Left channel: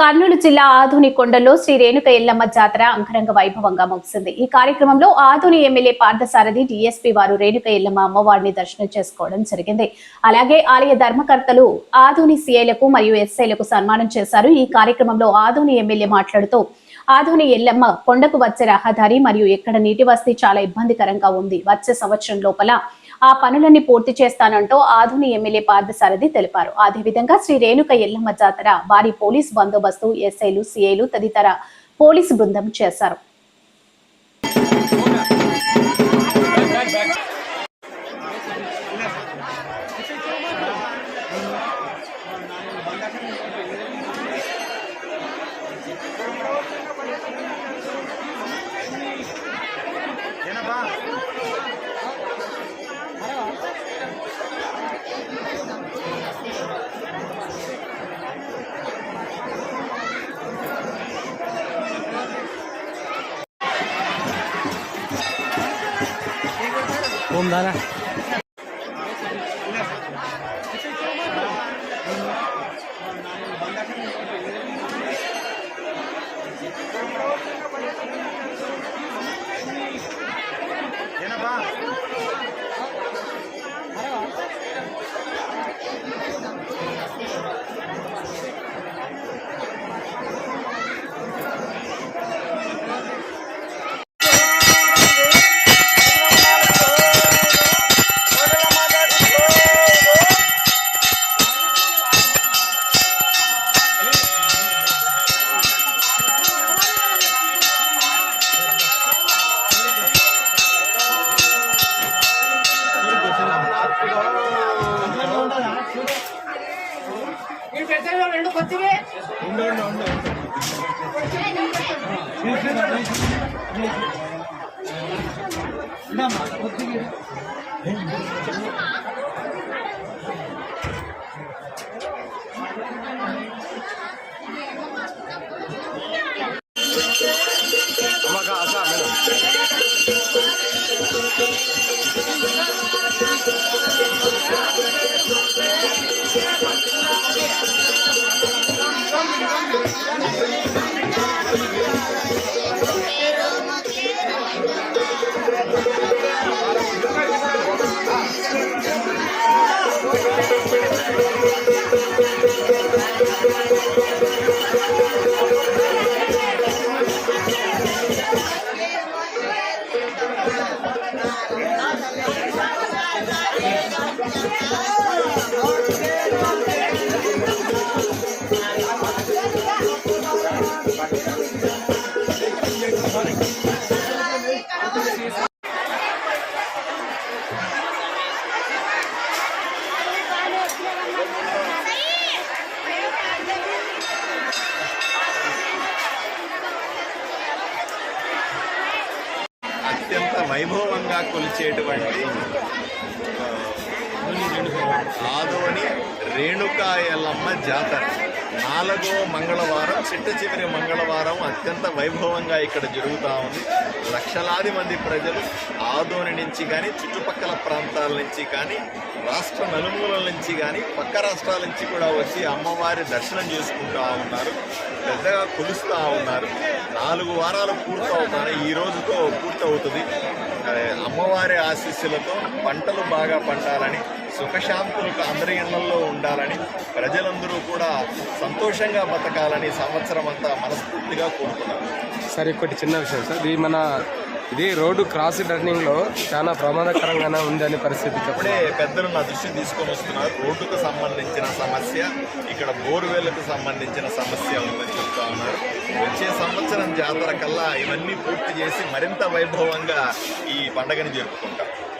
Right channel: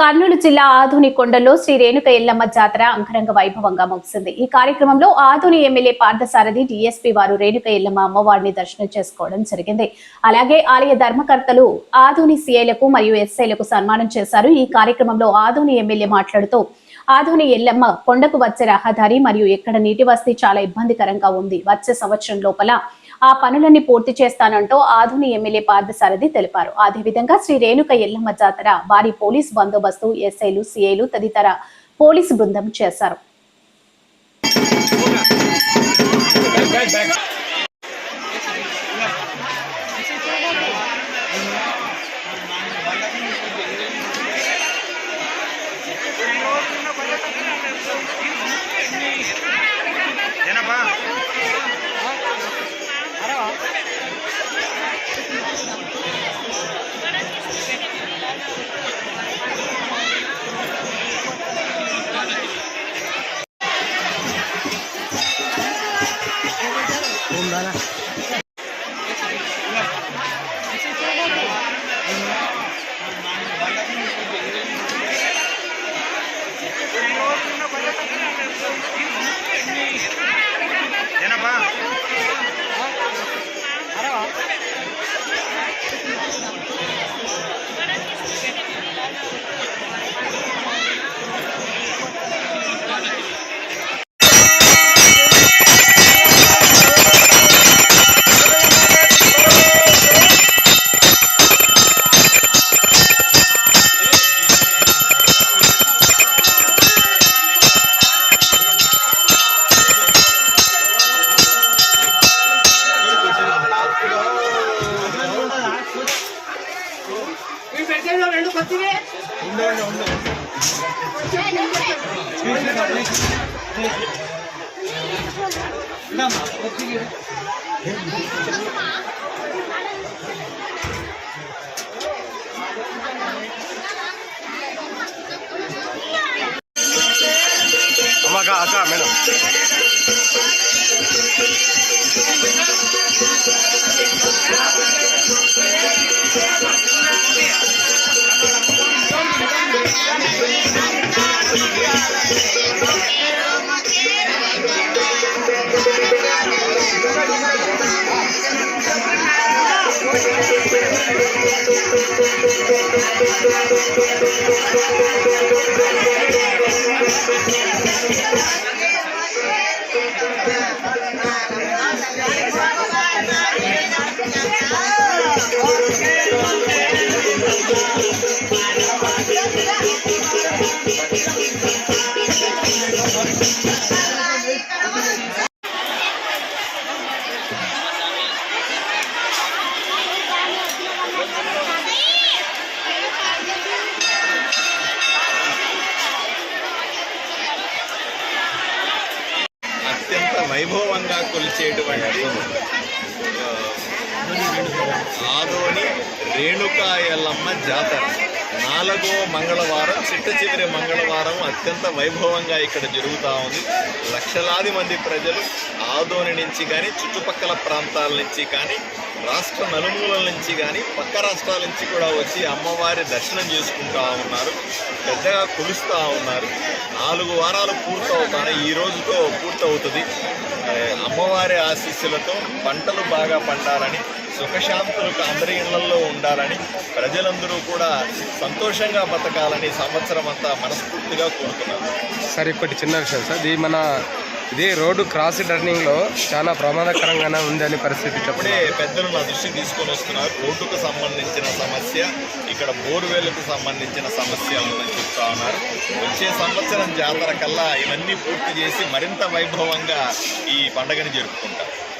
కర్నూలు జిల్లా ఆదోని కొండలో శ్రీ రేణుక ఎల్లమ్మ జాతర అంగరంగ వైభవంగా ముగిసింది. ఈ కార్యక్రమంలో ఆదోని ఎమ్మెల్యే పార్థసారథి డీఎస్పీ వారు రేణుక ఎల్లమ్మ అమ్మవారిని దర్శనం చేసుకోవడం జరిగింది. అలాగే ఆలయ ధర్మకర్తలు ఆదోని సీఐలకు మరియు ఎస్ఐలకు సన్మానం చేశారు. ఈ కార్యక్రమంలో ఆదోని ఎమ్మెల్యే మాట్లాడుతూ ఆదోని ఎల్లమ్మ కొండకు వచ్చే రహదారి మరియు ఎక్కడ నీటి వసతి చాలా ఇబ్బందికరంగా ఉంది. వచ్చే సంవత్సరం లోపల ఆ పనులన్నీ పూర్తి చేస్తానంటూ ఆదోని ఎమ్మెల్యే పార్థసారథి తెలిపారు. అదేవిధంగా శ్రీ రేణుక ఎల్లమ్మ జాతర భారీ పోలీస్ బందోబస్తు ఎస్ఐలు సిఐలు తదితర పోలీసు బృందం చేశారు. మేడం అత్యంత వైభవంగా కొలిచేటువంటి ఆదోని రేణుకా ఎల్లమ్మ జాతర 4వ మంగళవారం చిట్ట చివరి మంగళవారం అత్యంత వైభవంగా ఇక్కడ జరుగుతూ ఉంది. లక్షలాది మంది ప్రజలు ఆదోని నుంచి కానీ చుట్టుపక్కల ప్రాంతాల నుంచి కానీ రాష్ట్ర నలుమూలల నుంచి కానీ పక్క రాష్ట్రాల నుంచి కూడా వచ్చి అమ్మవారి దర్శనం చేసుకుంటూ ఉన్నారు, పెద్దగా కొలుస్తూ ఉన్నారు. 4 వారాలు పూర్తవుతాయి, ఈ రోజుతో పూర్తవుతుంది. అమ్మవారి ఆశీస్సులతో పంటలు బాగా పండాలని, సుఖశాంతులకు అందరి ఇళ్లలో ఉండాలని, ప్రజలందరూ కూడా సంతోషంగా బతకాలని సంవత్సరం అంతా మనస్ఫూర్తిగా కోరుకున్నారు. సార్ ఒకటి చిన్న విషయం సార్, ఇది రోడ్డు క్రాస్ టర్నింగ్లో చాలా ప్రమాదకరంగానే ఉందని పరిస్థితి అప్పుడే పెద్దలు నా దృష్టి తీసుకొని వస్తున్నారు. రోడ్డుకు సంబంధించిన సమస్య, ఇక్కడ బోర్వెల్కు సంబంధించిన సమస్య ఉందని చెప్తా ఉన్నారు. వచ్చే సంవత్సరం జాతర కల్లా ఇవన్నీ పూర్తి చేసి మరింత వైభవంగా ఈ పండుగని జరుపుకుంటాం.